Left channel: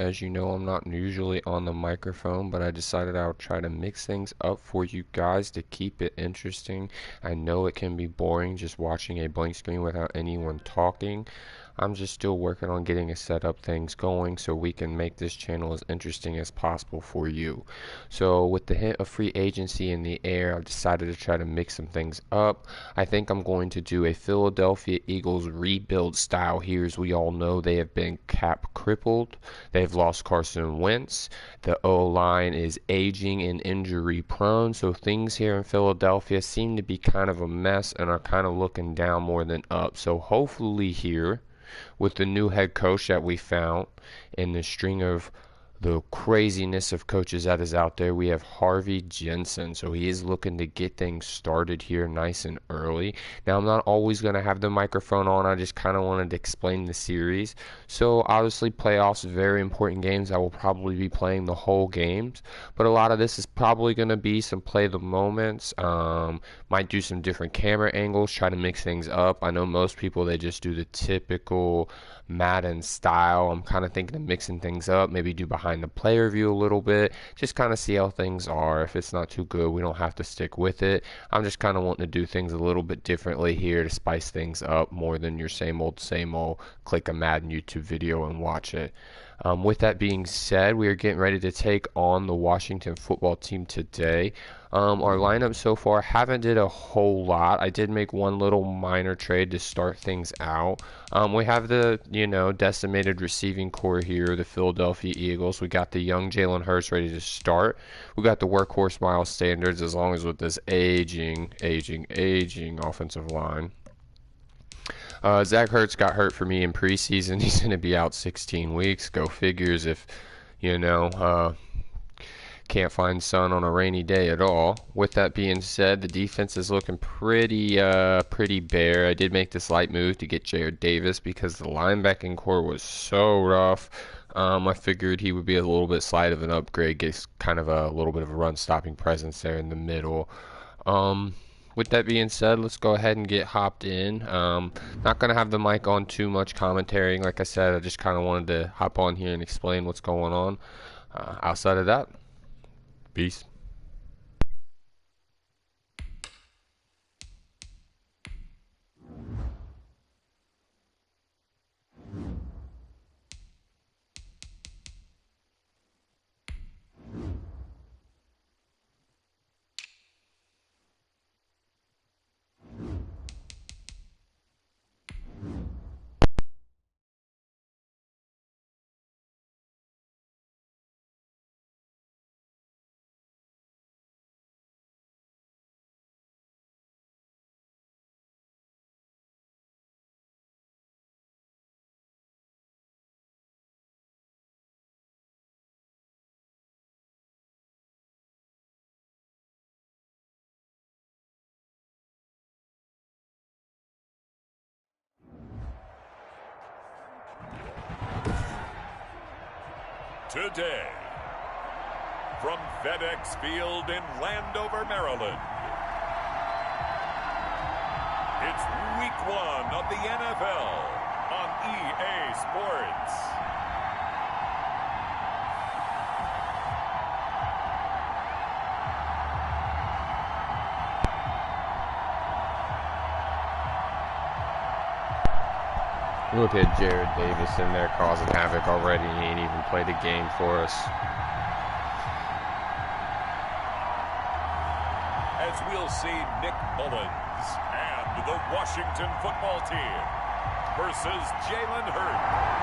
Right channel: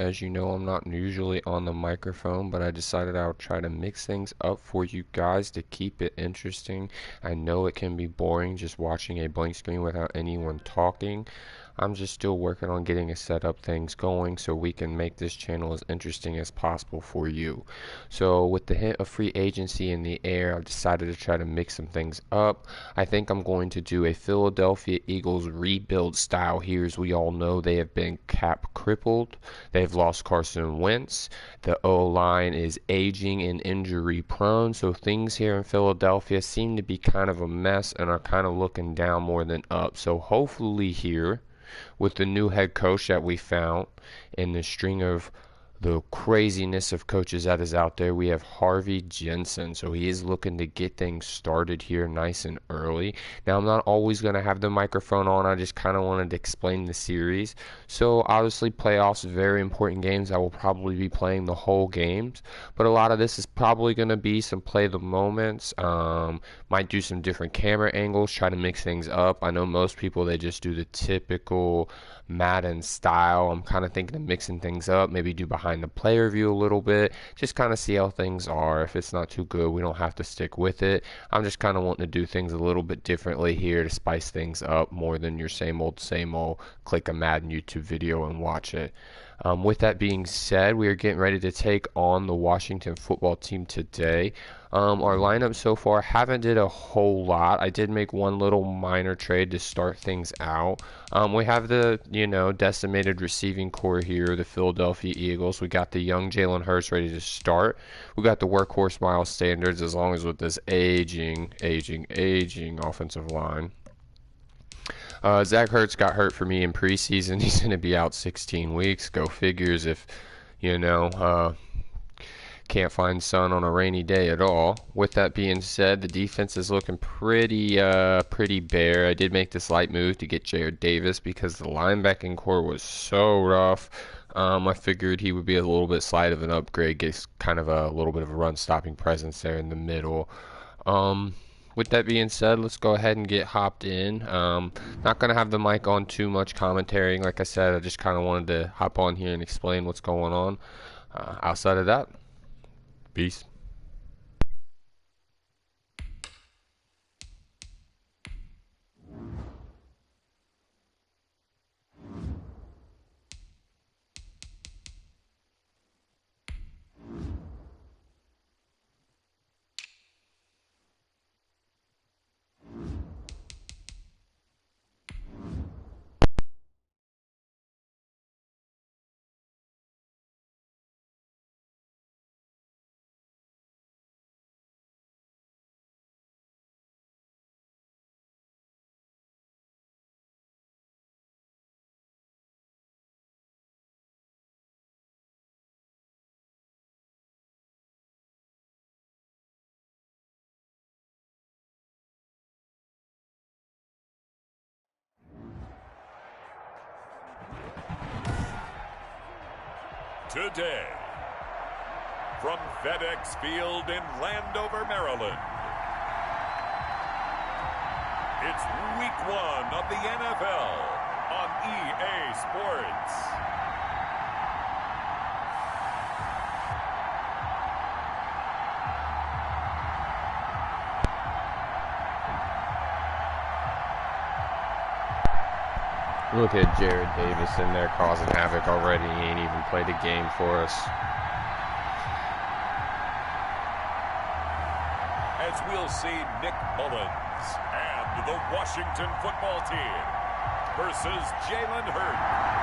As you know, I'm not usually on the microphone, but I decided I'll try to mix things up for you guys to keep it interesting. I know it can be boring just watching a blank screen without anyone talking. I'm just still working on getting a set up things going so we can make this channel as interesting as possible for you. So with the hint of free agency in the air, I've decided to try to mix some things up. I think I'm going to do a Philadelphia Eagles rebuild style here. As we all know, they have been cap crippled. They've lost Carson Wentz. The O-line is aging and injury prone, so things here in Philadelphia seem to be kind of a mess and are kind of looking down more than up. So hopefully here, with the new head coach that we found in the string of the craziness of coaches that is out there, we have Harvey Jensen. So he is looking to get things started here nice and early. Now, I'm not always going to have the microphone on. I just kind of wanted to explain the series. So obviously playoffs, very important games. I will probably be playing the whole games, but a lot of this is probably going to be some play the moments. Might do some different camera angles, try to mix things up. I know most people, they just do the typical Madden style. I'm kind of thinking of mixing things up, maybe do behind the player view a little bit, just kind of see how things are. If it's not too good, we don't have to stick with it. I'm just kind of wanting to do things a little bit differently here to spice things up more than your same old, click a Madden YouTube video and watch it. With that being said, we are getting ready to take on the Washington football team today. Our lineup so far, haven't did a whole lot. I did make one little minor trade to start things out. We have the, decimated receiving core here, the Philadelphia Eagles. We got the young Jalen Hurts ready to start. We got the workhorse Miles Sanders, as long as with this aging offensive line. Zach Ertz got hurt for me in preseason. He's going to be out 16 weeks. Go figures if, can't find sun on a rainy day at all. With that being said, the defense is looking pretty bare. I did make this light move to get Jared Davis because the linebacking core was so rough. I figured he would be a little bit slight of an upgrade, gets kind of a little bit of a run-stopping presence there in the middle. With that being said, let's go ahead and get hopped in. Not going to have the mic on too much commentary. Like I said, I just kind of wanted to hop on here and explain what's going on. Outside of that, peace. Today, from FedEx Field in Landover, Maryland, it's Week 1 of the NFL on EA Sports. Look at Jared Davis in there causing havoc already. He ain't even played a game for us. As we'll see Nick Mullins and the Washington football team versus Jalen Hurts.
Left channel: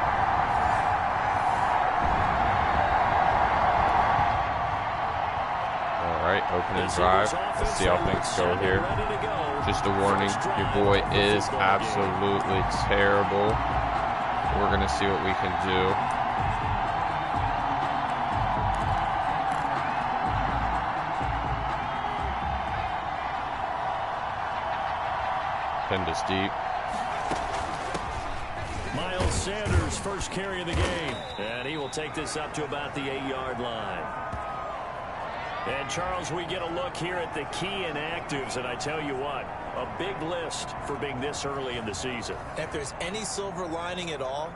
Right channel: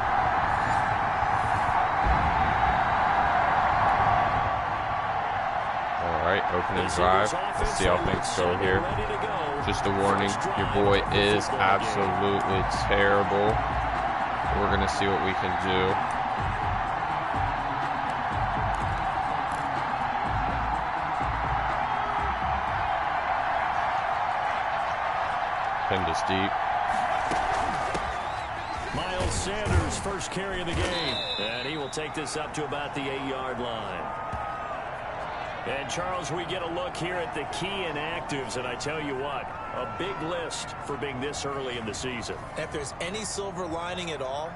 Alright, opening drive. Let's see how things go here. Just a warning, your boy is absolutely terrible. We're going to see what we can do. Pinned us deep. Miles Sanders, first carry of the game. And he will take this up to about the 8-yard line. And, Charles, we get a look here at the key inactives, and I tell you what, a big list for being this early in the season. If there's any silver lining at all,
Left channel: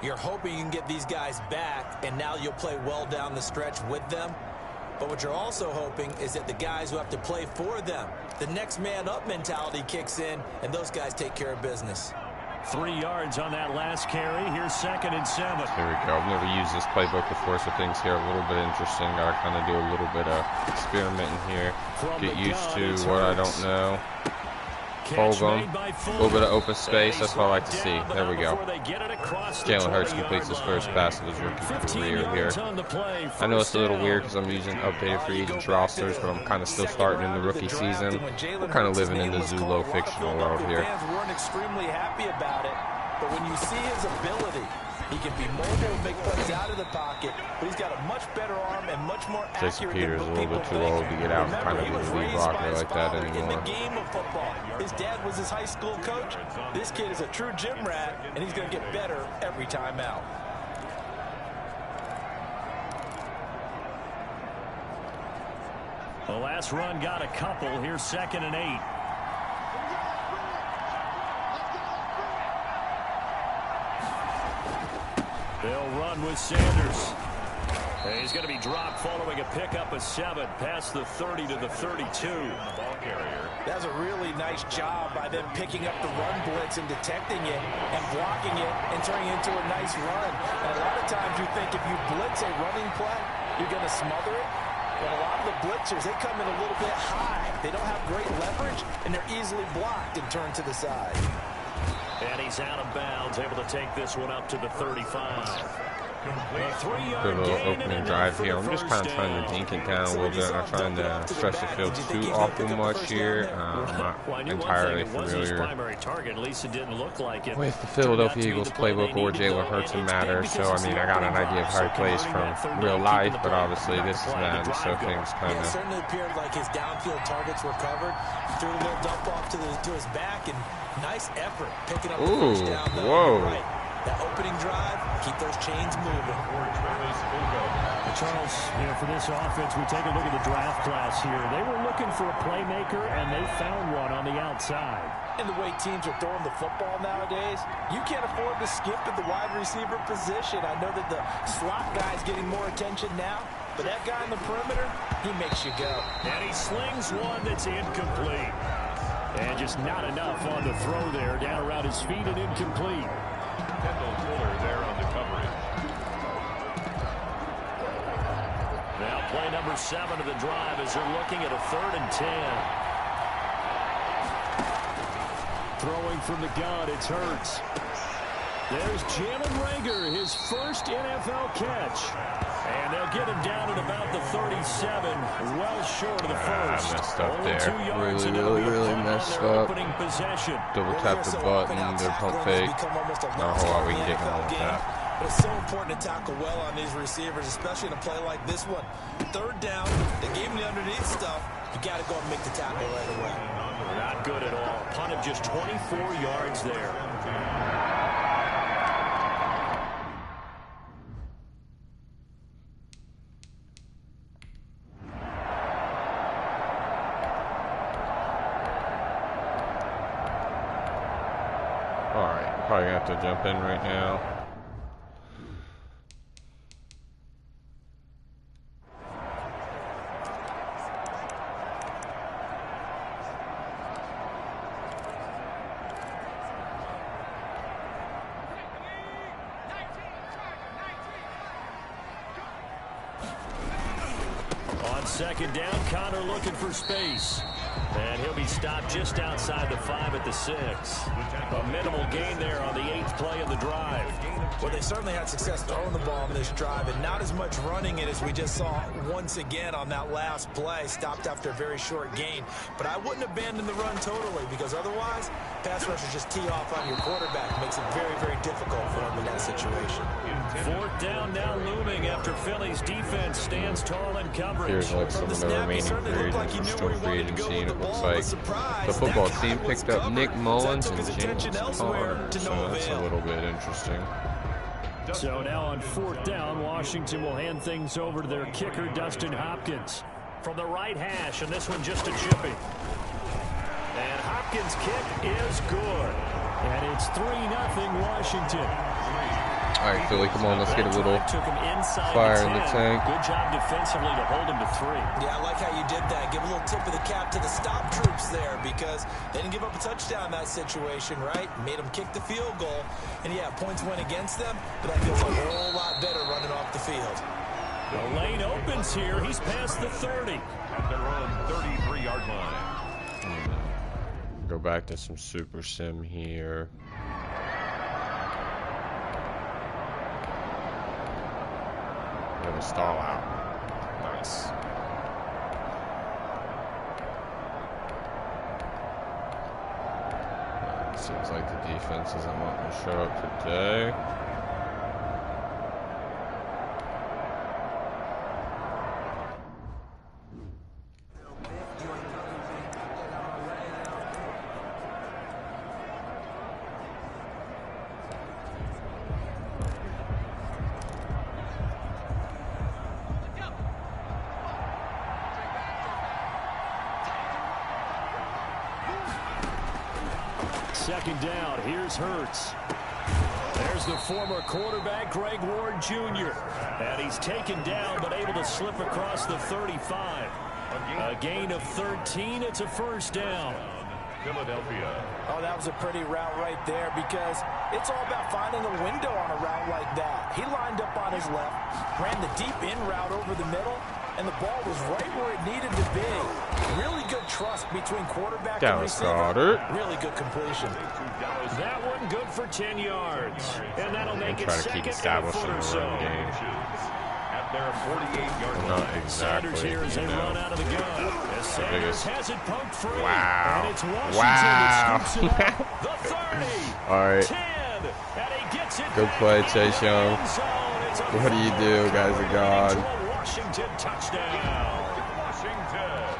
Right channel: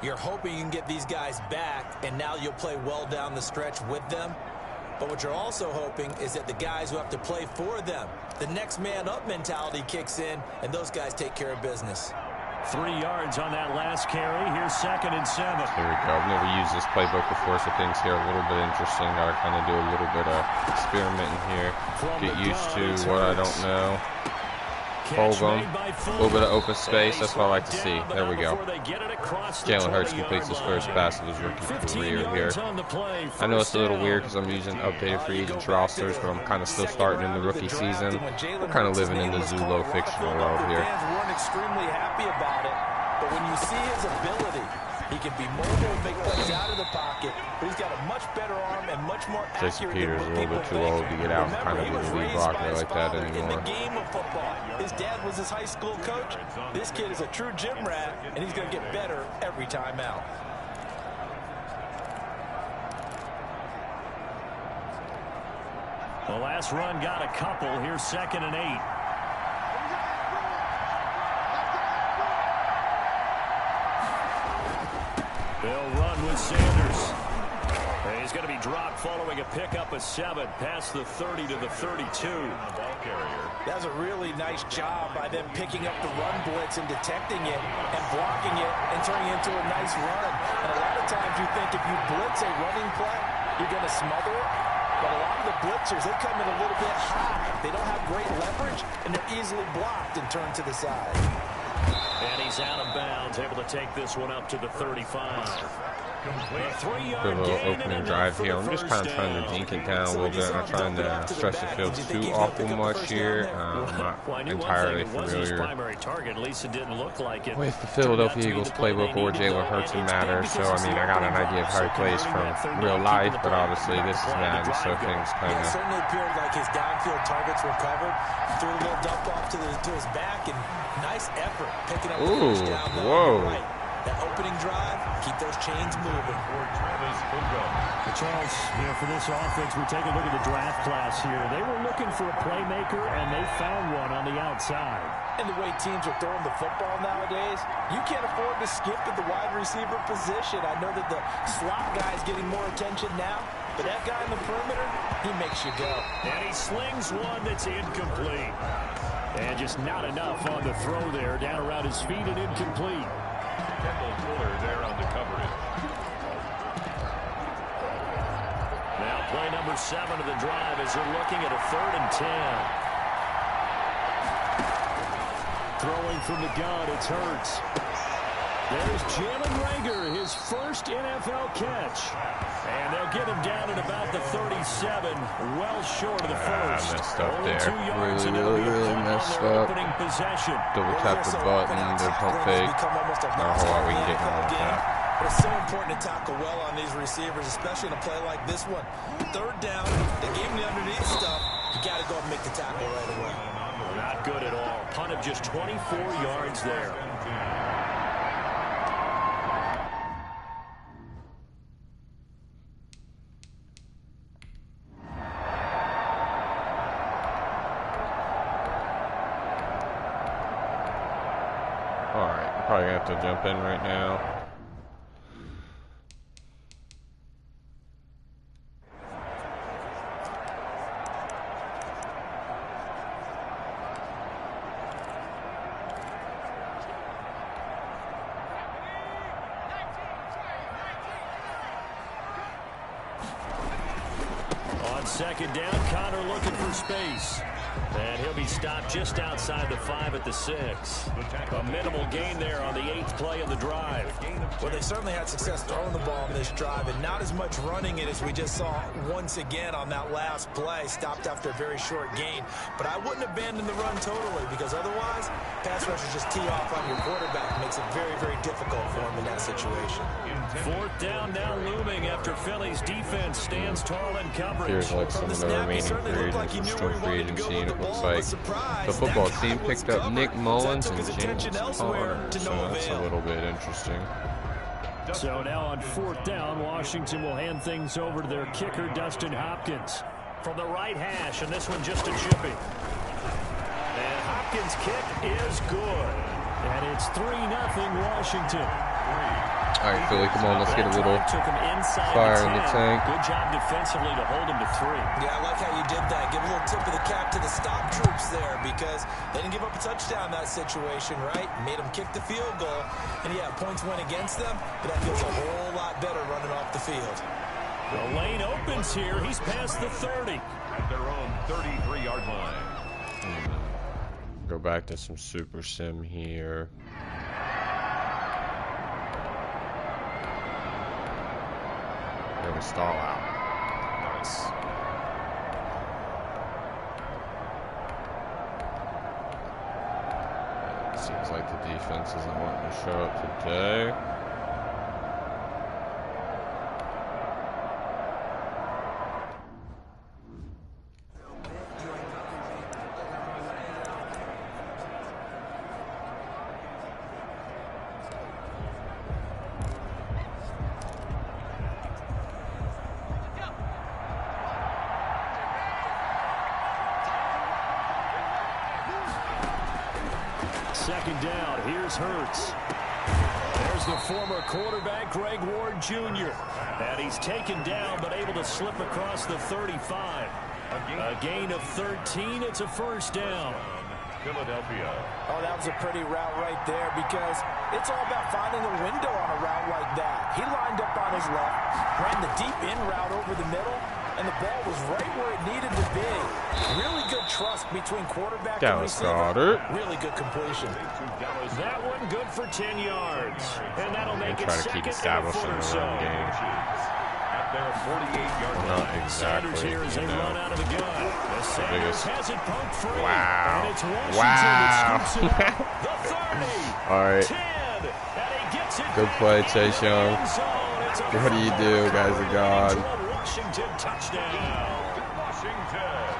You're hoping you can get these guys back, and now you'll play well down the stretch with them. But what you're also hoping is that the guys who have to play for them, the next man up mentality kicks in, and those guys take care of business. 3 yards on that last carry. Here's 2nd and 7. There we go. I've never used this playbook before, so things here are a little bit interesting. Got to kind of do a little bit of experimenting here. Get used to what I don't know. Hold them. A little bit of open space. That's what I like to see. There we go. Jalen Hurts completes his first pass of his rookie career here. I know it's a little weird because I'm using updated free agent rosters, but I'm kind of still starting in the rookie season. We're kind of living in the Zulo fictional world here. Fans weren't extremely happy about it, but when you see his ability, he can be mobile, make plays out of the pocket, but he's got a much better arm and much more accurate. Peters is a little bit too old to get out and kind of be the lead blocker like that anymore. In the game of football, his dad was his high school coach. This kid is a true gym rat, and he's going to get better every time out. The last run got a couple. Here's 2nd and 8. They'll run with Sanders. He's going to be dropped following a pickup of 7 past the 30 to the 32. That's a really nice job by them picking up the run blitz and detecting it and blocking it and turning it into a nice run. And a lot of times you think if you blitz a running play, you're going to smother it. But a lot of the blitzers, they come in a little bit high. They don't have great leverage, and they're easily blocked and turned to the side. And he's out of bounds, able to take this one up to the 35. Good little opening drive here. I'm just kind of trying to dink it down a little bit. I'm not trying to stretch the field too awful much here. I'm not entirely familiar with the Philadelphia Eagles playbook or Jalen Hurts in matter. So, I mean, I got an idea of how he plays from real life, but obviously this is Madden, so things kind of... It certainly appeared like his downfield targets were covered. Threw a little dump off to his back, and nice effort picking up the first down. Whoa. Right. That opening drive, keep those chains moving. Charles, for this offense, we take a look at the draft class here. They were looking for a playmaker, and they found one on the outside. And the way teams are throwing the football nowadays, you can't afford to skip at the wide receiver position. I know that the slot guy is getting more attention now, but that guy in the perimeter, he makes you go. And he slings one that's incomplete. And just not enough on the throw there, down around his feet and incomplete. Kendall Fuller there on the coverage. Now play number 7 of the drive as they're looking at a 3rd and 10. Throwing from the gun, it's Hurts. There's Jalen Reagor, his first NFL catch. And they'll get him down at about the 37, well short of the first. Messed up Only there. 2 yards Really messed up. Double tap the button, the pump fake. Not a whole lot we can get going with that. But it's so important to tackle well on these receivers, especially in a play like this one. 3rd down, they gave him the underneath stuff. You got to go and make the tackle right away. Not good at all. Punt of just 24 yards there. Alright, we're probably going to have to jump in right now. On 2nd down, Connor looking for space. And he'll be stopped just outside the 5 at the 6. A minimal gain there on the 8th play of the drive. Well, they certainly had success throwing the ball on this drive, and not as much running it as we just saw once again on that last play. Stopped after a very short gain. But I wouldn't abandon the run totally, because otherwise, pass rushers just tee off on your quarterback. Makes it very, very difficult for him in that situation. 4th down now looming after Philly's defense stands tall in coverage. Here's like some of the remaining free agents from free agency, and it looks like the football team picked up Nick Mullins and James Conner, so that's a little bit interesting. So now on 4th down, Washington will hand things over to their kicker, Dustin Hopkins. From the right hash, and this one just a chippy. And Hopkins' kick is good. And it's 3-0 Washington. All right, Philly, come on, let's get a little fire in the tank. Good job defensively to hold him to 3. Yeah, I like how you did that. Give a little tip of the cap to the stop troops there because they didn't give up a touchdown in that situation, right? Made them kick the field goal. And, yeah, points went against them, but that feels a whole lot better running off the field. The lane opens here. He's past the 30. At their own 33-yard line. Go back to some Super Sim here. It was stall out. Nice. It seems like the defense isn't wanting to show up today. Second down, here's Hurts. There's the former quarterback, Greg Ward Jr. And he's taken down, but able to slip across the 35. A gain of 13, it's a first down. Philadelphia. Oh, that was a pretty route right there because it's all about finding a window on a route like that. He lined up on his left, ran the deep in route over the middle, and the ball was right where it needed to be. Really good trust between quarterback and receiver. Really good completion. That one good for 10 yards. And that'll make it second and a foot or so. At their 48-yard line. Not exactly. Sanders here as they run out of the gun. As Sanders has it poked free. Wow. And it's Washington that scoops it up. The 30. All right. 10. And he gets it Good play, Chase Young. What do you do, guys of God? Washington touchdown. Washington.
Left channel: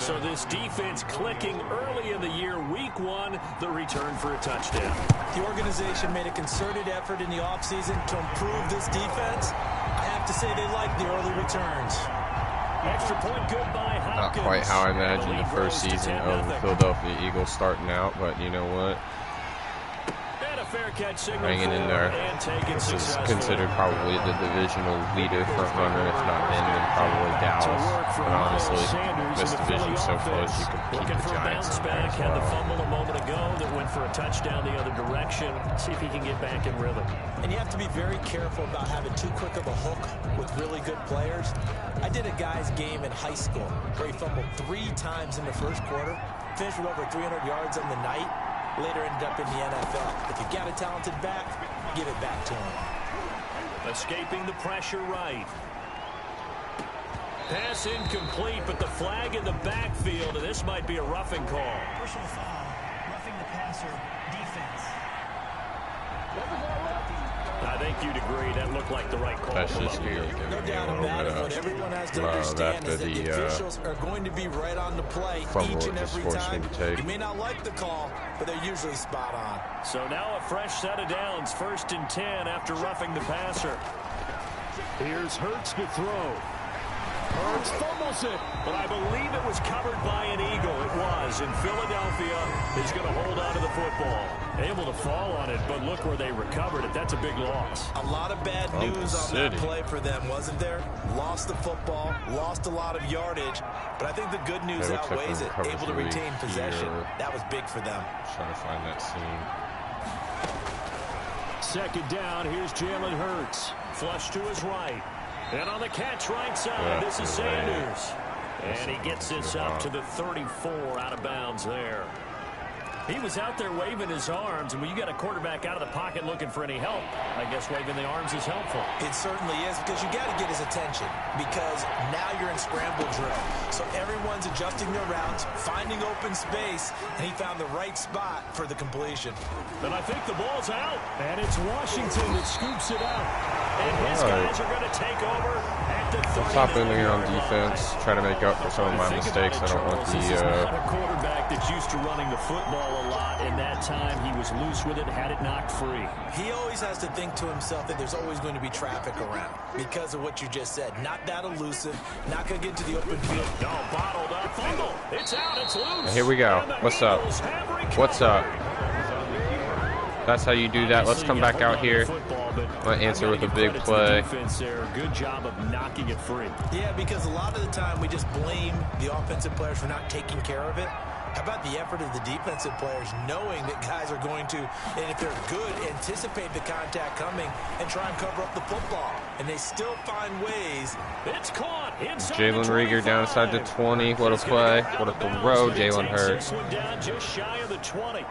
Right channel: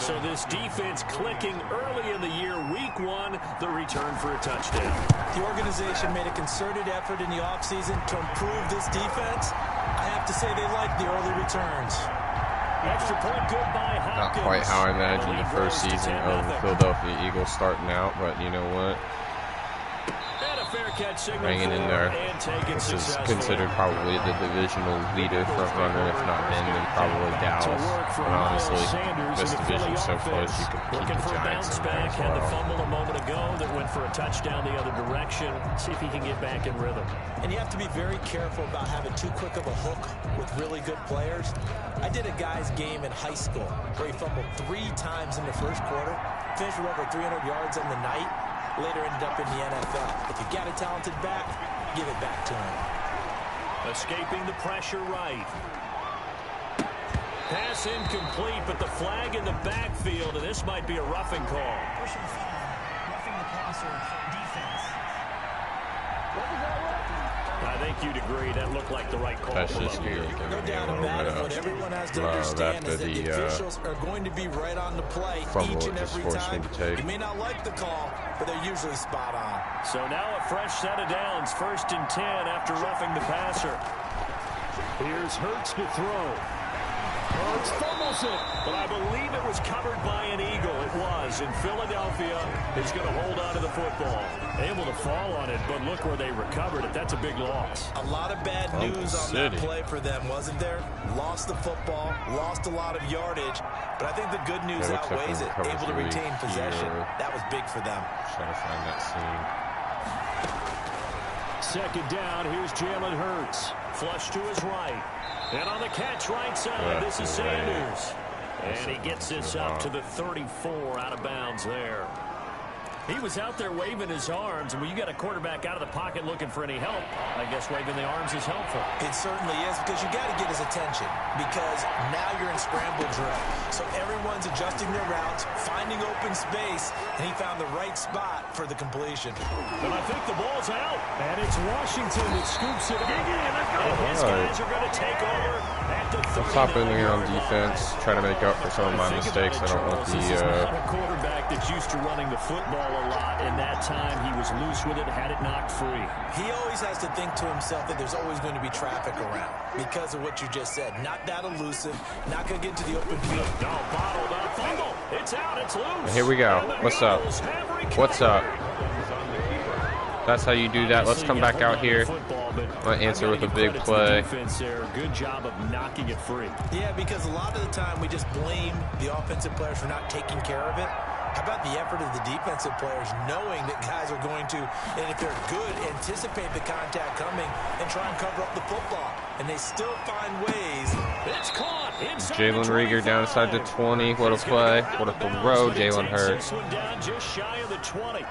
So this defense clicking early in the year, week 1, the return for a touchdown. The organization made a concerted effort in the offseason to improve this defense. I have to say they like the early returns. Extra point good by Hopkins. Not quite how I imagined the first season of the Philadelphia Eagles starting out, but you know what? Fair catch signal hanging in there. This is considered probably the divisional leader front runner, if not them, then probably Dallas. But honestly, this division's so close, you could keep the Giants in there as Had the well. fumble a moment ago that went for a touchdown the other direction. See if he can get back in rhythm. And you have to be very careful about having too quick of a hook with really good players. I did a guy's game in high school where he fumbled 3 times in the first quarter, finished with over 300 yards on the night. Later ended up in the NFL. If you got a talented back, give it back to him. Escaping the pressure right. Pass incomplete, but the flag in the backfield, and this might be a roughing call. Personal foul, roughing the passer, defense. I think you'd agree that looked like the right call. That's just you giving No me a doubt little about bit it. What of everyone has to love understand after is that the the officials are going to be right on the play fumble each it and just every forced me time. to take. You may not like the call, but they're usually spot on. So now a fresh set of downs, 1st and 10 after roughing the passer. Here's Hurts to throw. Hurts fumbles it, but I believe it was covered by an Eagle. It was, and Philadelphia is going to hold on to the football. Able to fall on it, but look where they recovered it. That's a big loss. A lot of bad news on that play for them, wasn't there? Lost the football, lost a lot of yardage, but I think the good news outweighs it. Able to retain possession. That was big for them. Trying to find that seam. Second down, here's Jalen Hurts. Flush to his right. And on the catch right side, this is Sanders. And he gets this up to the 34 out of bounds there. He was out there waving his arms, and when you got a quarterback out of the pocket looking for any help, I guess waving the arms is helpful. It certainly is, because you got to get his attention, because now you're in scramble drill. So everyone's adjusting their routes, finding open space, and he found the right spot for the completion. And I think the ball's out, and it's Washington that scoops it up. And his guys are going to take over at the 39. Let's hop in here on defense, try to make up for some of my mistakes. I don't want This is not a quarterback that's used to running the football a lot, and that time he was loose with it, had it knocked free. He always has to think to himself that there's always going to be traffic around because of what you just said. Not that elusive, not going to get into the open field. No, bottled up, fumble. It's out, it's loose. Here we go. What's up? What's up? That's how you do that. Let's come back out here. I'll answer with a big play. Good job of knocking it free. Yeah, because a lot of the time we just blame the offensive players for not taking care of it. How about the effort of the defensive players knowing that guys are going to, and if they're good, anticipate the contact coming and try and cover up the football. And they still find ways. It's caught. Jalen Reagor down inside the 20. What a play. What a throw. Jalen Hurts. Down just shy of the 20.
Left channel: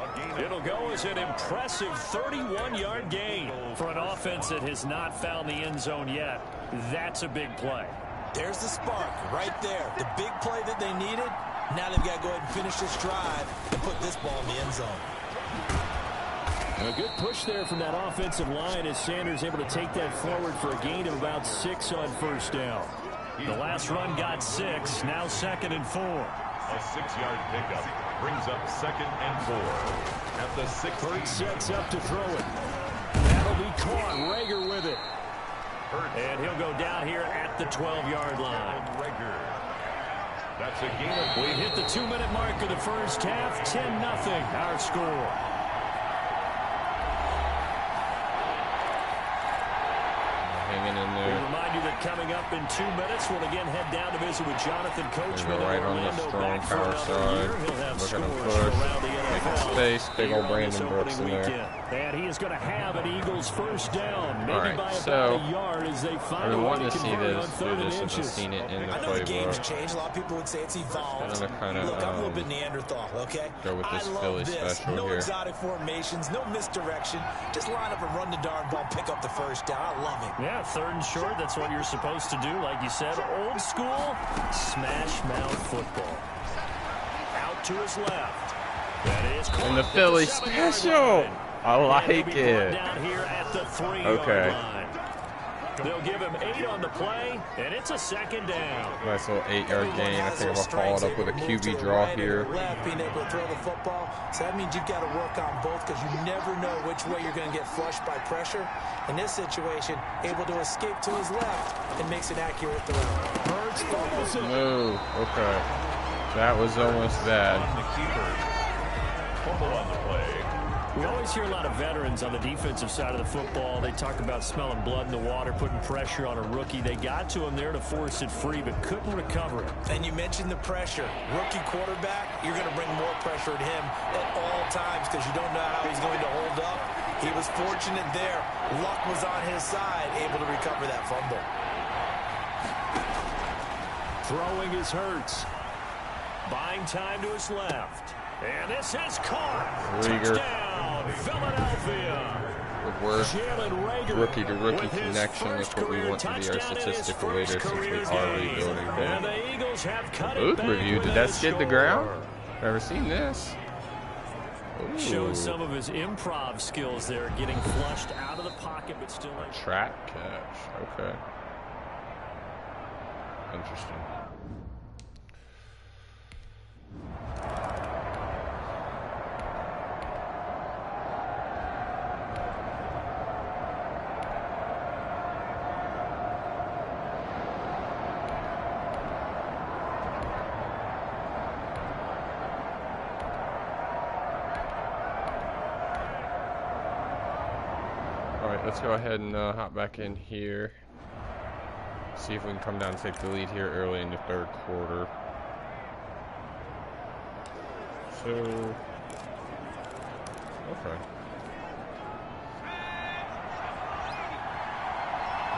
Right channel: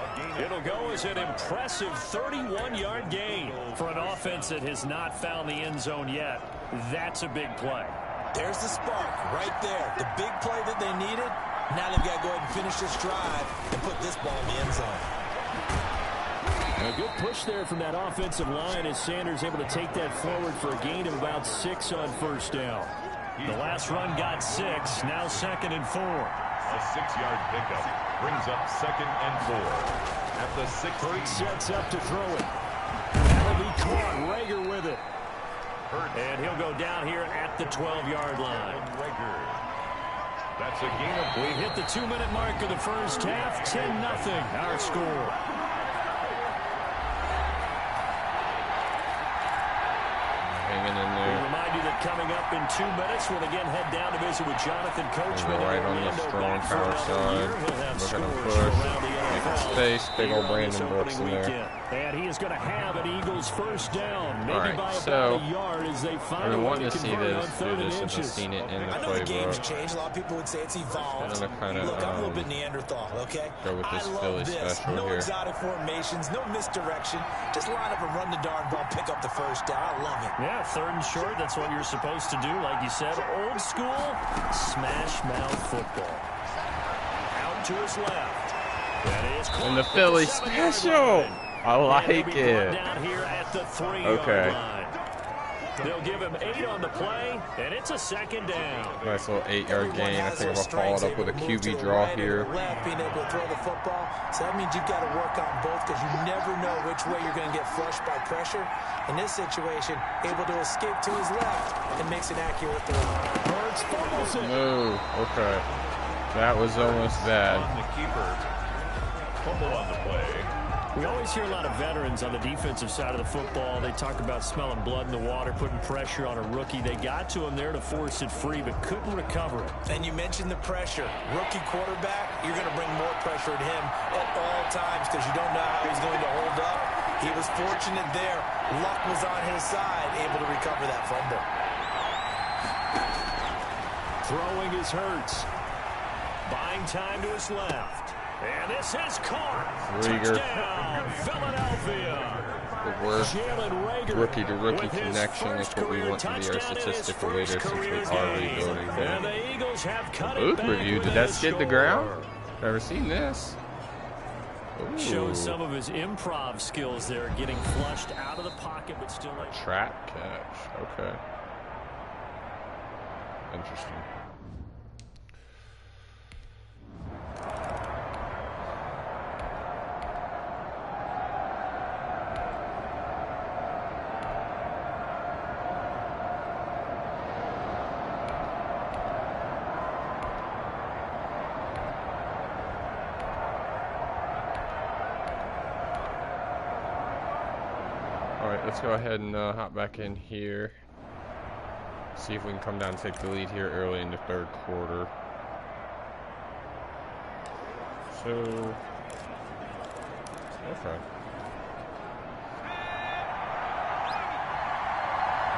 It'll go as an impressive 31-yard gain for an offense that has not found the end zone yet. That's a big play. There's the spark right there. The big play that they needed. Now they've got to go ahead and finish this drive and put this ball in the end zone. A good push there from that offensive line as Sanders able to take that forward for a gain of about 6 on first down. The last run got 6, now 2nd and 4. A 6-yard pickup brings up 2nd and 4. At the 6. Hurts sets up to throw it. That'll be caught. Reagor with it. And he'll go down here at the 12-yard line. Reagor. That's a gain of. We hit the 2-minute mark of the first half. 10-0 our score. Hanging in We there. remind you that coming up in 2 minutes, we'll again head down to visit with Jonathan Coachman. Right on the strong power side. Look at him push. Making space. Big old Brandon Brooks in there. And he is going to have an Eagles first down. Maybe Alright, by so about a yard as they I've find been a way wanting to to see convert on this, 3rd and I've inches. seen it in the I know the game's playbook. changed. A lot of people would say it's evolved. Look, I'm a little bit Neanderthal, okay? go with this I love Philly this. special No here. exotic formations, no misdirection. Just line up and run the darn ball, pick up the first down. I love it. Yeah, 3rd and short. That's what you're supposed to do. Like you said, old school smash mouth football. Out to his left. That is caught And the at Philly 7-yard special. line. I And like he'll be brought it. down here at the 3-yard Okay. line. They'll give him 8 on the play, and it's a 2nd down. Nice little 8-yard gain. I think I'm going to follow it up with a QB draw Right or here. left, being able to throw the football. So that means you've got to work on both because you never know which way you're going to get flushed by pressure. In this situation, able to escape to his left and makes an accurate throw. Hurts fumbles it. No. Okay. That was almost bad. On the keeper. Fumble on the play. We always hear a lot of veterans on the defensive side of the football. They talk about smelling blood in the water, putting pressure on a rookie. They got to him there to force it free, but couldn't recover it. And you mentioned the pressure. Rookie quarterback, you're going to bring more pressure at him at all times because you don't know how he's going to hold up. He was fortunate there. Luck was on his side, able to recover that fumble. Throwing is Hurts. Buying time to his left. And this is caught. Reagor. Touchdown, Philadelphia. The worst Jalen Reagor rookie-to-rookie with his connection is first what we career want to be our touchdown in his statistical first leader since we career are game. rebuilding And there. the Eagles have cut it Booth back review. with Did a that skid the score. ground? Never seen this. Ooh. Showed some of his improv skills there, getting flushed out of the pocket, but still able. Trap catch. Okay. Interesting. Alright, let's go ahead and hop back in here. See if we can come down and take the lead here early in the 3rd quarter. So, okay.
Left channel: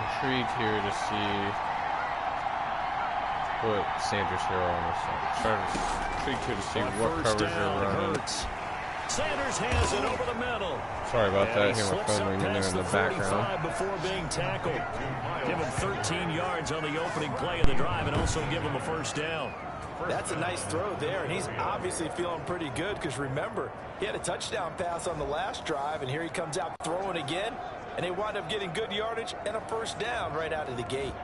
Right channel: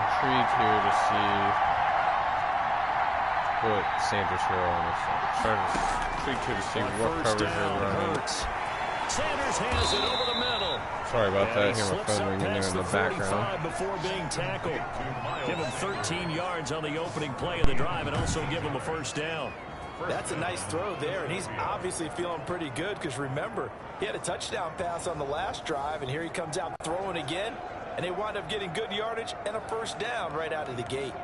Intrigued here to see what Sanders here on this side. Intrigued here to see what coverage they're running. Hurts. Sanders has it over the middle. Sorry about And that. he Hear my slips phone up ringing there past in the the background. 45 before being tackled. Give him 13 yards on the opening play of the drive and also give him a first down. That's a nice throw there, and he's obviously feeling pretty good because remember, he had a touchdown pass on the last drive, and here he comes out throwing again, and they wind up getting good yardage and a first down right out of the gate.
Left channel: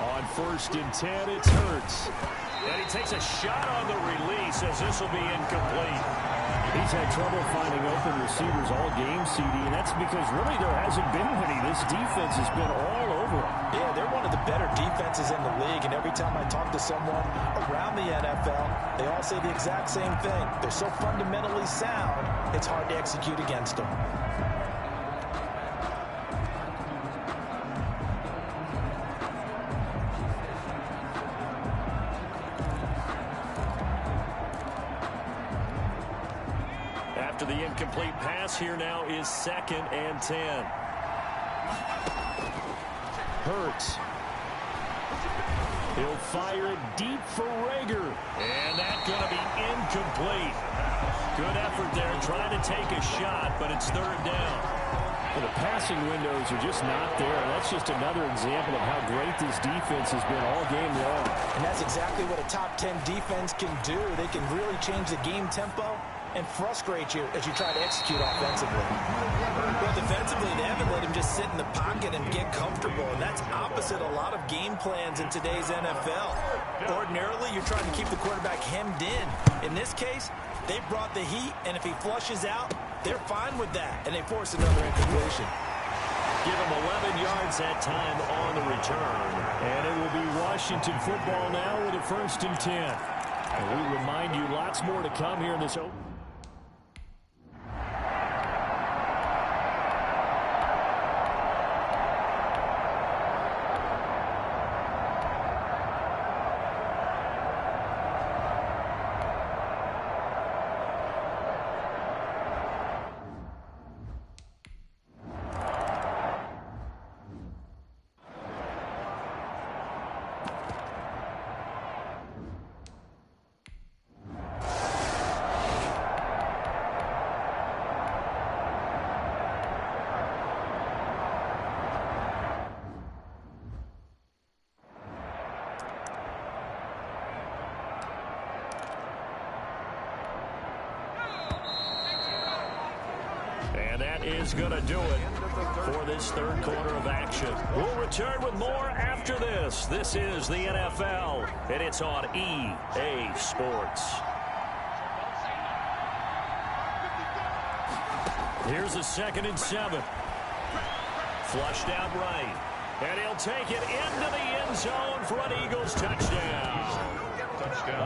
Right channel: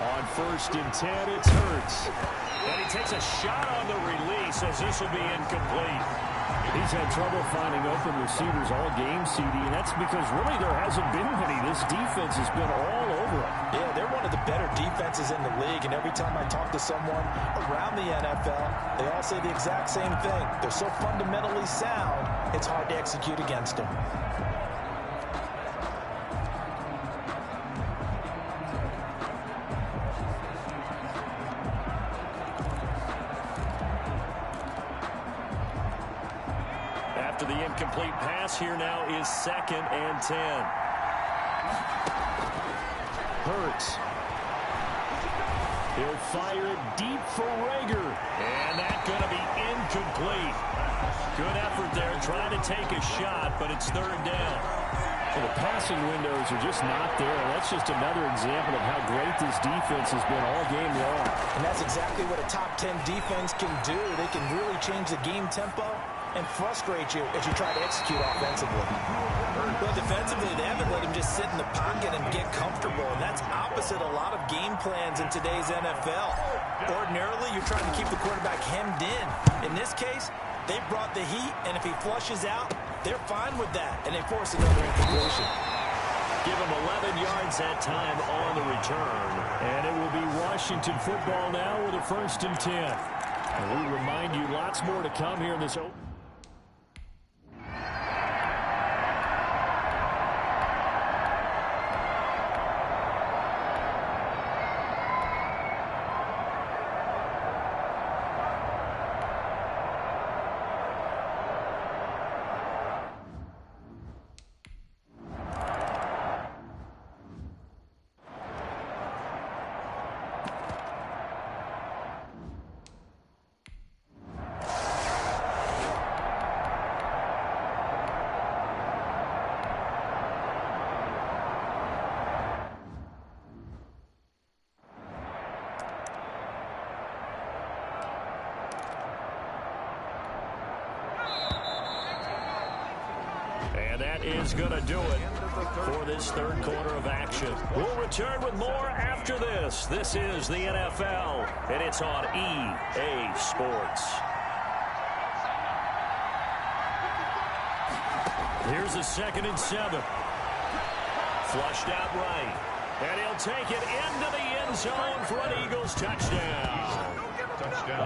On 1st and 10, it's Hurts. And he takes a shot on the release as this will be incomplete. He's had trouble finding open receivers all game, CD, and that's because really there hasn't been many. This defense has been all over him. Yeah, they're one of the better defenses in the league, and every time I talk to someone around the NFL, they all say the exact same thing. They're so fundamentally sound, it's hard to execute against them. After the incomplete pass, here now is 2nd and 10. Hurts. He'll fire it deep for Rager. And that's going to be incomplete. Good effort there trying to take a shot, but it's 3rd down. Well, the passing windows are just not there. That's just another example of how great this defense has been all game long. And that's exactly what a top 10 defense can do. They can really change the game tempo and frustrate you as you try to execute offensively. Well, defensively, they haven't let him just sit in the pocket and get comfortable, and that's opposite a lot of game plans in today's NFL. Ordinarily, you're trying to keep the quarterback hemmed in. In this case, they brought the heat, and if he flushes out, they're fine with that, and they force another incompletion. Give him 11 yards that time on the return. And it will be Washington football now with a 1st and 10. And we remind you, lots more to come here in this open. And that is going to do it for this 3rd quarter of action. We'll return with more after this. This is the NFL, and it's on EA Sports. Here's a 2nd and 7. Flushed out right. And he'll take it into the end zone for an Eagles touchdown.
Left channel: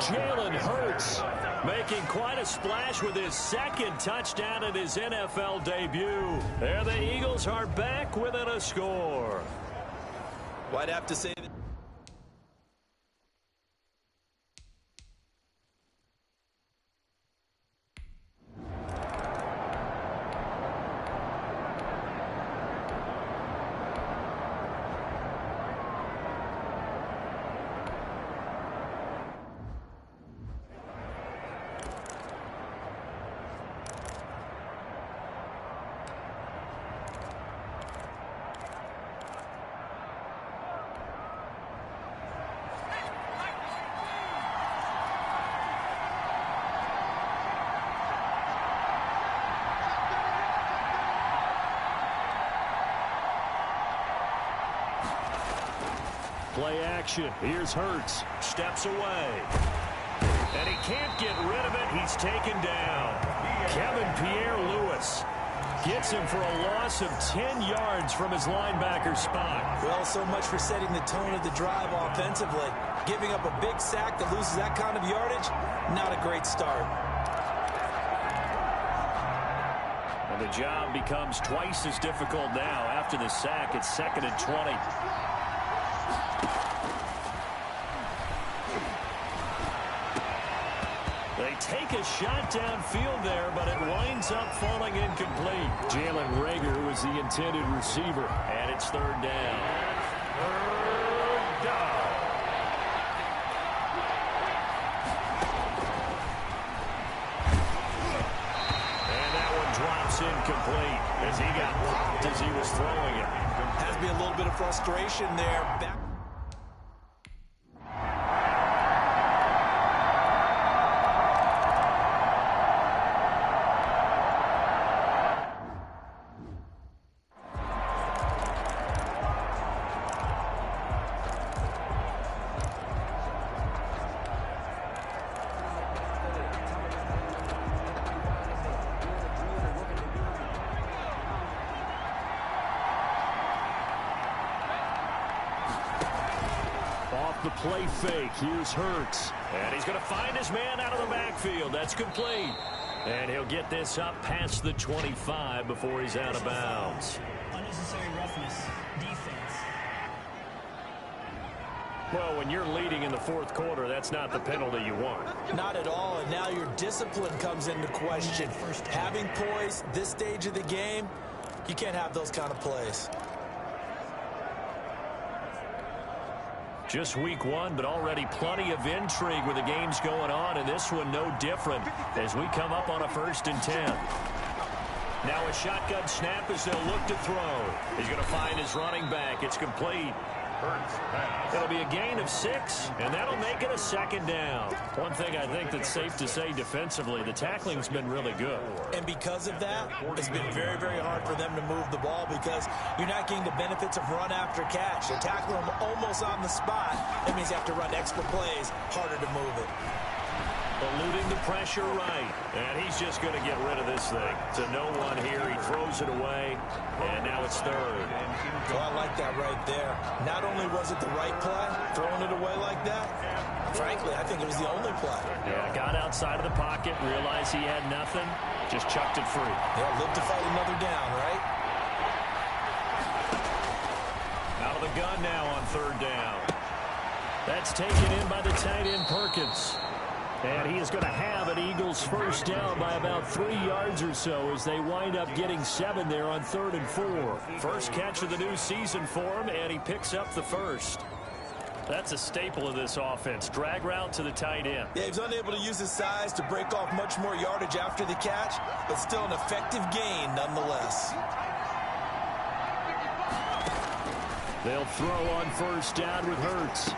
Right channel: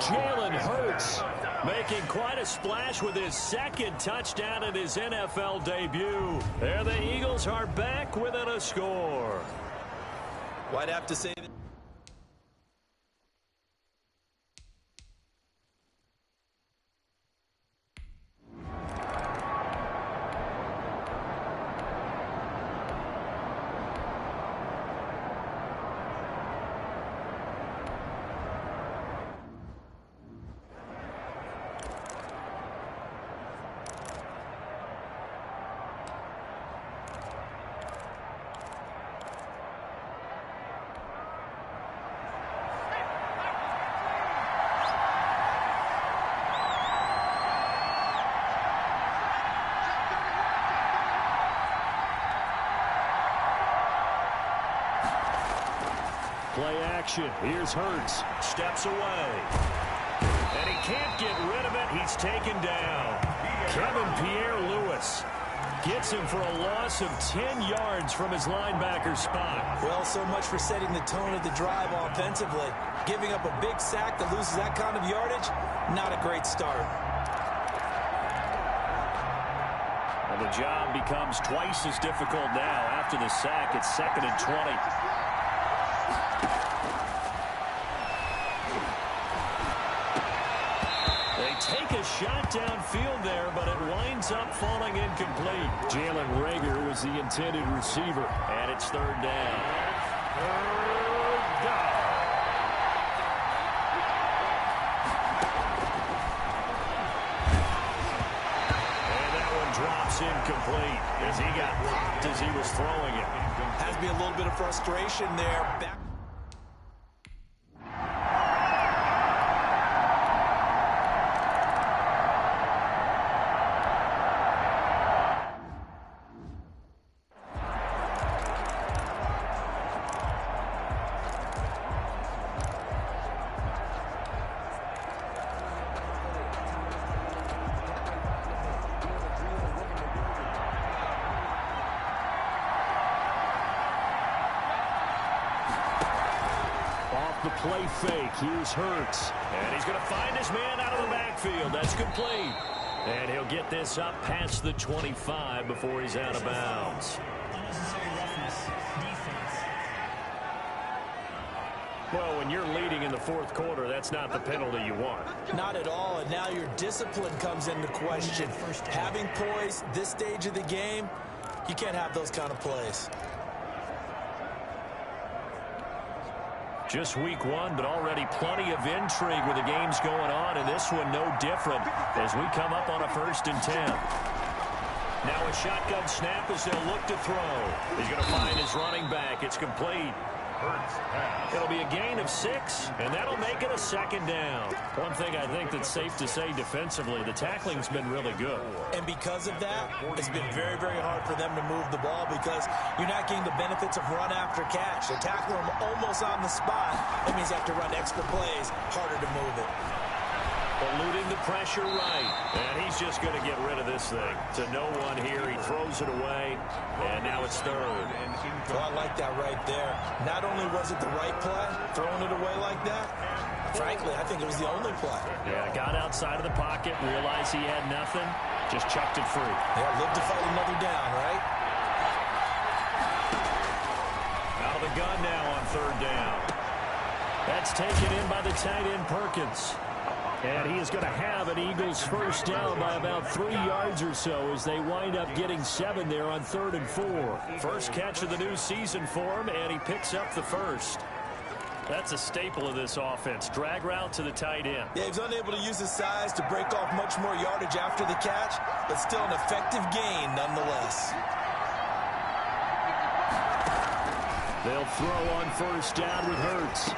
Jalen Hurts making quite a splash with his 2nd touchdown in his NFL debut. And the Eagles are back within a score. Well, I'd have to say that. Play action. Here's Hurts. Steps away. And he can't get rid of it. He's taken down. Kevin Pierre-Louis gets him for a loss of 10 yards from his linebacker spot. Well, so much for setting the tone of the drive offensively. Giving up a big sack that loses that kind of yardage, not a great start. And the job becomes twice as difficult now. After the sack, it's 2nd and 20. They take a shot downfield there, but it winds up falling incomplete. Jalen Rager was the intended receiver, and it's 3rd down. And that one drops incomplete as he got popped as he was throwing it. Has to be a little bit of frustration there. Back Off the play fake, here's Hurts. And he's going to find his man out of the backfield. That's complete. And he'll get this up past the 25 before he's out of bounds. Unnecessary roughness. Defense. Well, when you're leading in the fourth quarter, that's not the penalty you want. Not at all, and now your discipline comes into question. Having poise this stage of the game, you can't have those kind of plays. Just week one, but already plenty of intrigue with the games going on, and this one no different as we come up on a 1st and 10. Now a shotgun snap as they'll look to throw. He's going to find his running back. It's complete. It'll be a gain of 6, and that'll make it a 2nd down. One thing I think that's safe to say defensively, the tackling's been really good. And because of that, it's been very, very hard for them to move the ball because you're not getting the benefits of run after catch. They tackle them almost on the spot. That means you have to run extra plays, harder to move it. Eluding the pressure right. And he's just going to get rid of this thing. To no one here. He throws it away. And now it's 3rd. Well, I like that right there. Not only was it the right play, throwing it away like that, frankly, I think it was the only play. Yeah, got outside of the pocket, realized he had nothing, just chucked it free. Yeah, live to fight another down, right? Out of the gun now on 3rd down. That's taken in by the tight end Perkins. And he is going to have an Eagles 1st down by about 3 yards or so as they wind up getting 7 there on 3rd and 4. First catch of the new season for him, and he picks up the 1st. That's a staple of this offense. Drag route to the tight end. Yeah, he's unable to use his size to break off much more yardage after the catch, but still an effective gain nonetheless. They'll throw on 1st down with Hurts.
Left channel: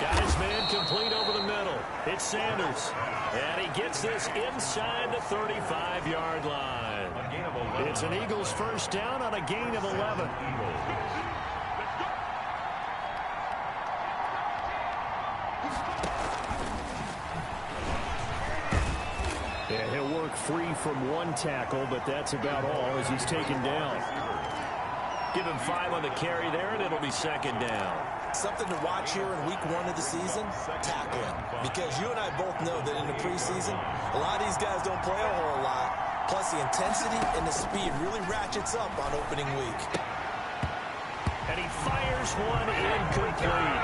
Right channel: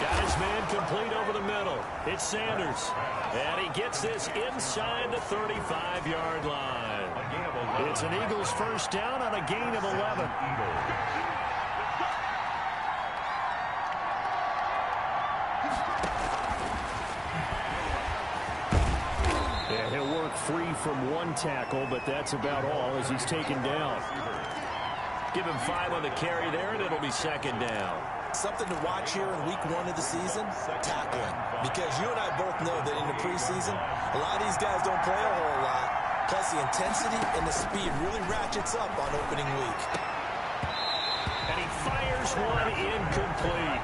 Got his man complete over the middle. It's Sanders. And he gets this inside the 35-yard line. It's an Eagles 1st down on a gain of 11. Yeah, he'll work free from 1 tackle, but that's about all as he's taken down. Give him 5 on the carry there, and it'll be 2nd down. Something to watch here in week 1 of the season, tackling. Because you and I both know that in the preseason, a lot of these guys don't play a whole lot. Plus, the intensity and the speed really ratchets up on opening week. And he fires one incomplete.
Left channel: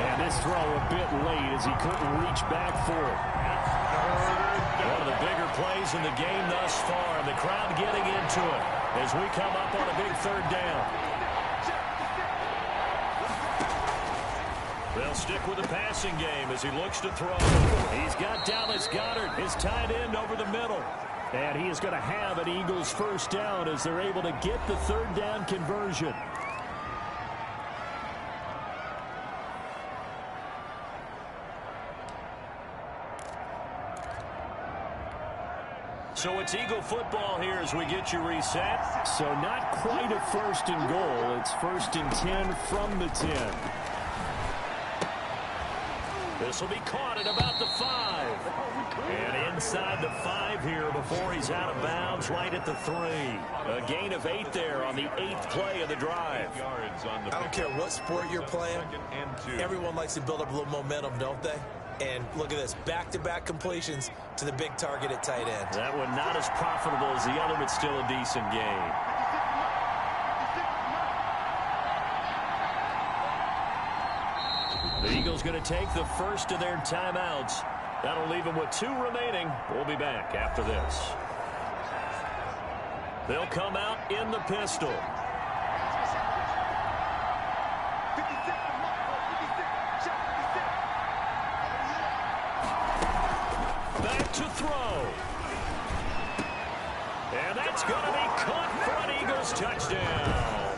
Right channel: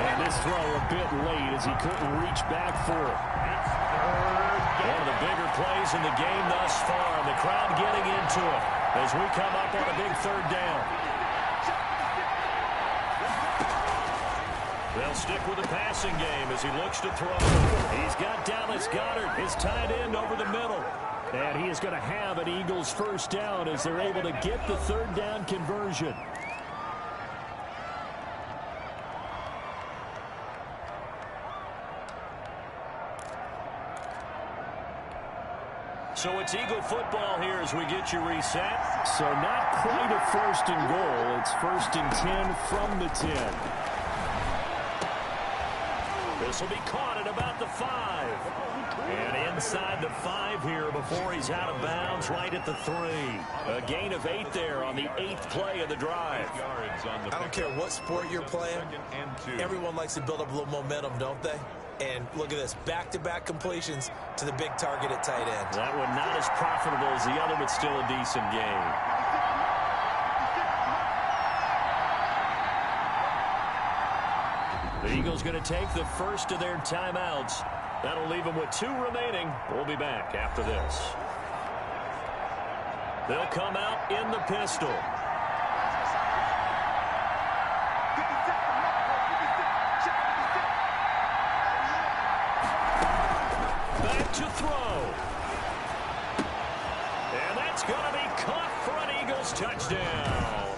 And this throw a bit late as he couldn't reach back for it. One of the bigger plays in the game thus far. And the crowd getting into it as we come up on a big 3rd down. They'll stick with the passing game as he looks to throw. He's got Dallas Goedert, his tight end, over the middle. And he is going to have an Eagles 1st down as they're able to get the 3rd down conversion. So it's Eagle football here as we get you reset. So not quite a 1st and goal. It's 1st and 10 from the 10. This will be caught at about the 5. And inside the 5 here before he's out of bounds right at the 3. A gain of 8 there on the 8th play of the drive. I don't care what sport you're playing. Everyone likes to build up a little momentum, don't they? And look at this, back-to-back completions to the big target at tight end. That one not as profitable as the other, but still a decent game. The Eagles going to take the first of their timeouts. That'll leave them with 2 remaining. We'll be back after this. They'll come out in the pistol. Back to throw. And that's going to be caught for an Eagles touchdown.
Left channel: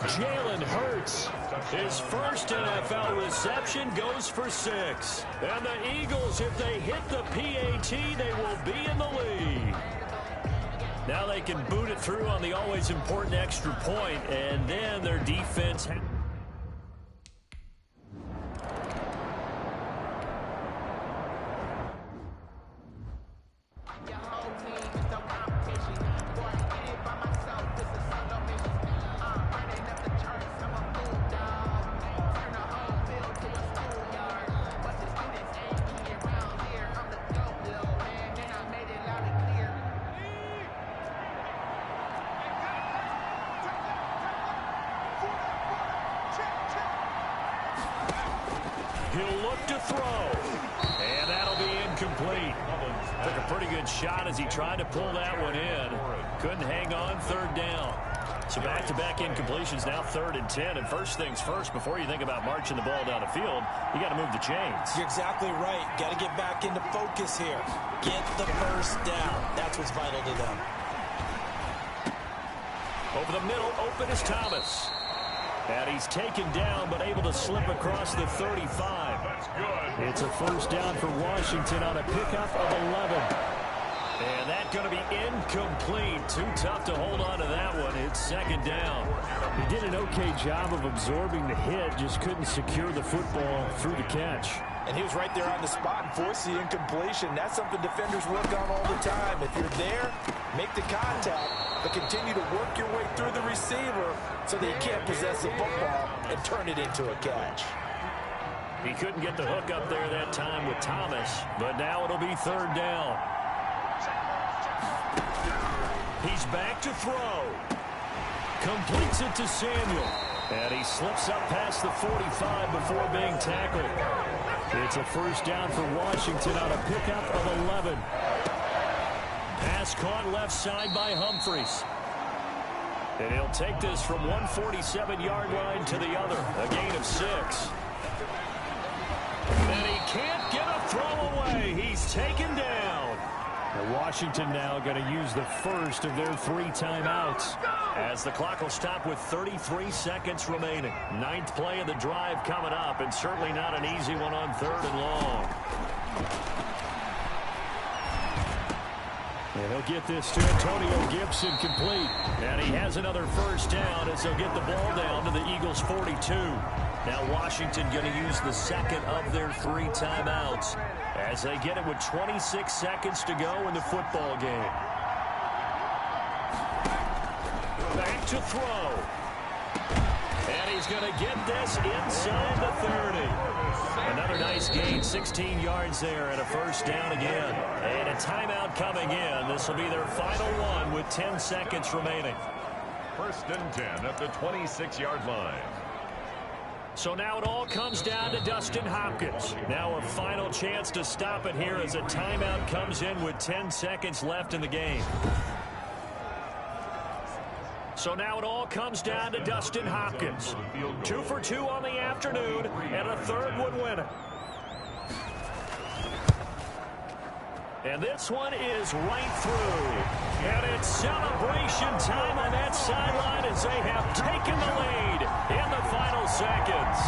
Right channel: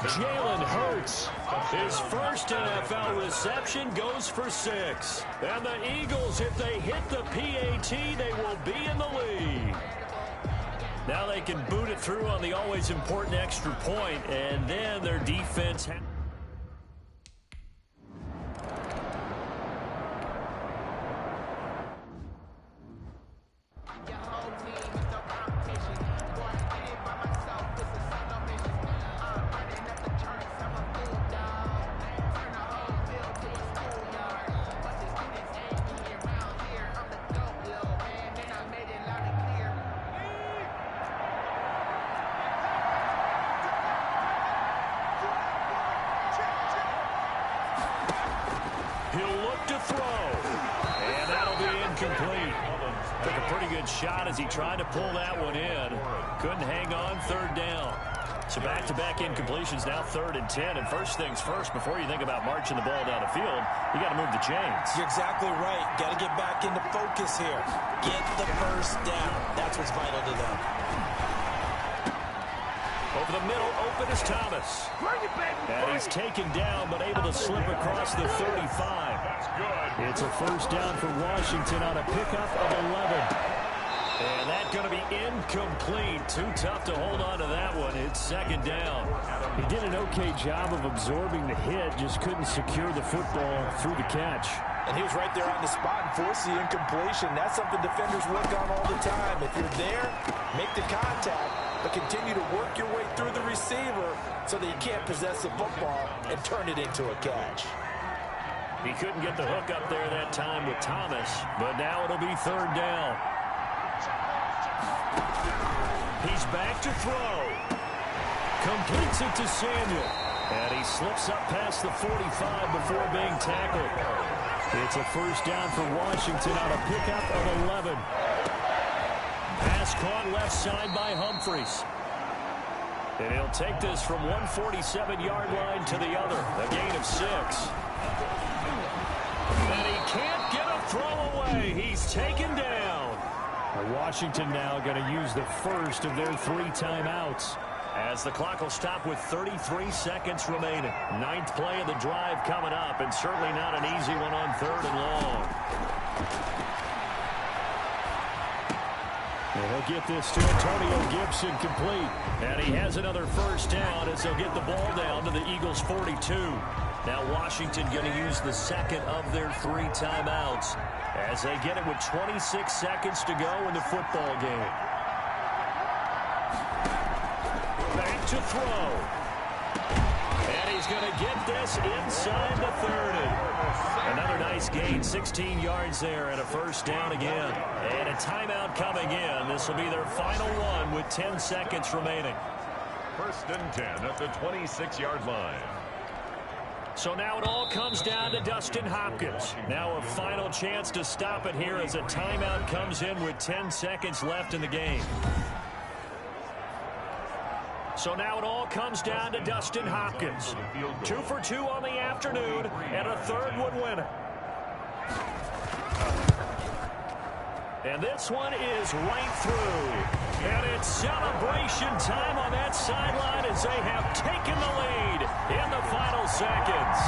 Jalen Hurts, his first NFL reception, goes for 6. And the Eagles, if they hit the PAT, they will be in the lead. Now they can boot it through on the always important extra point, and then their defense... He'll look to throw. And that'll be incomplete. Took a pretty good shot as he tried to pull that one in. Couldn't hang on, third down. So back-to-back incompletions, now 3rd and 10. And first things first, before you think about marching the ball down the field, you got to move the chains. You're exactly right. Got to get back into focus here. Get the first down. That's what's vital to them. Over the middle, open is Thomas. And he's taken down, but able to slip across the 35. That's good. It's a first down for Washington on a pickup of 11. And that's going to be incomplete. Too tough to hold on to that one. It's 2nd down. He did an okay job of absorbing the hit, just couldn't secure the football through the catch. And he was right there on the spot and forced the incompletion. That's something defenders work on all the time. If you're there, make the contact, but continue to work your way through the receiver so that you can't possess the football and turn it into a catch. He couldn't get the hook up there that time with Thomas, but now it'll be 3rd down. He's back to throw. Completes it to Samuel. And he slips up past the 45 before being tackled. It's a first down for Washington on a pickup of 11. Pass caught left side by Humphries. And he'll take this from one 47-yard line to the other. A gain of 6. And he can't get a throw away. He's taken down. And Washington now going to use the first of their 3 timeouts. As the clock will stop with 33 seconds remaining. 9th play of the drive coming up, and certainly not an easy one on 3rd and long. And he'll get this to Antonio Gibson complete. And he has another first down as they'll get the ball down to the Eagles' 42. Now Washington going to use the 2nd of their 3 timeouts as they get it with 26 seconds to go in the football game. Back to throw. And he's going to get this inside the 30. Another nice gain, 16 yards there, and a first down again. And a timeout coming in. This will be their final one with 10 seconds remaining. 1st and 10 at the 26-yard line. So now it all comes down to Dustin Hopkins. Now a final chance to stop it here as a timeout comes in with 10 seconds left in the game. So now it all comes down to Dustin Hopkins. 2 for 2 on the afternoon, and a 3rd would win it. And this one is right through. And it's celebration time on that sideline as they have taken the lead in the final seconds.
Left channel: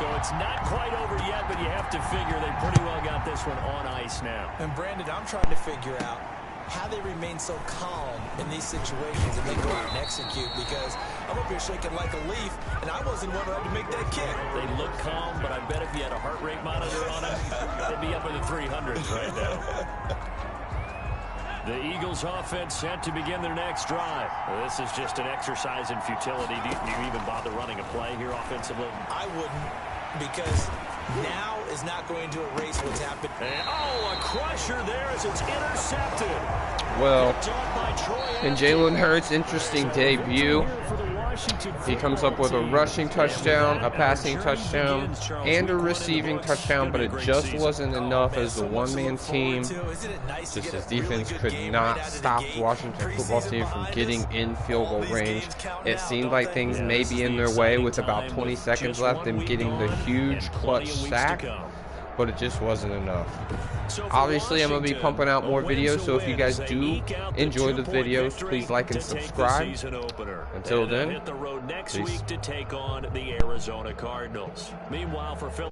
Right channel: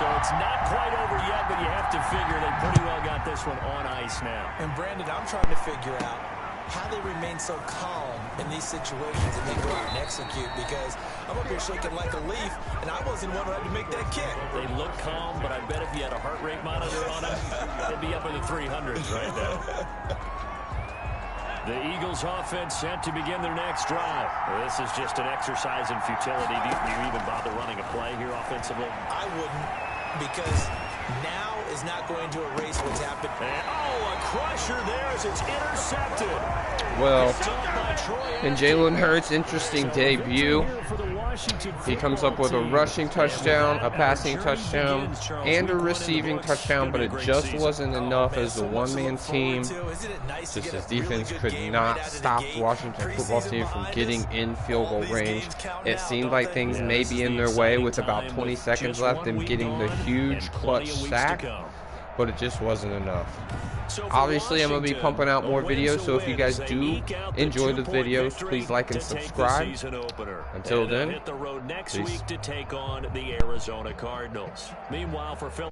So it's not quite over yet, but you have to figure they pretty well got this one on ice now. And Brandon, I'm trying to figure out how they remain so calm in these situations and then go out and execute, because I'm up here shaking like a leaf, and I wasn't one who had to make that kick. They look calm, but I bet if you had a heart rate monitor on them, they'd be up in the 300s right now. The Eagles offense set to begin their next drive. Well, this is just an exercise in futility. Do you even bother running a play here offensively? I wouldn't, because now is not going to erase what's happened. And, oh, a crusher there as it's intercepted. Well, in Jalen Hurts' interesting debut, he comes up with a rushing touchdown, a passing touchdown, and a receiving touchdown, but it just wasn't enough as a one-man team. Just his defense could not stop the Washington football team from getting in field goal range. It seemed like things may be in their way with about 20 seconds left, them getting the huge clutch sack, but it just wasn't enough. Obviously, I'm going to be pumping out more videos, so if you guys do enjoy the videos, please like and subscribe. Until then, hit the road next week to take on the Arizona Cardinals. Meanwhile, for Phil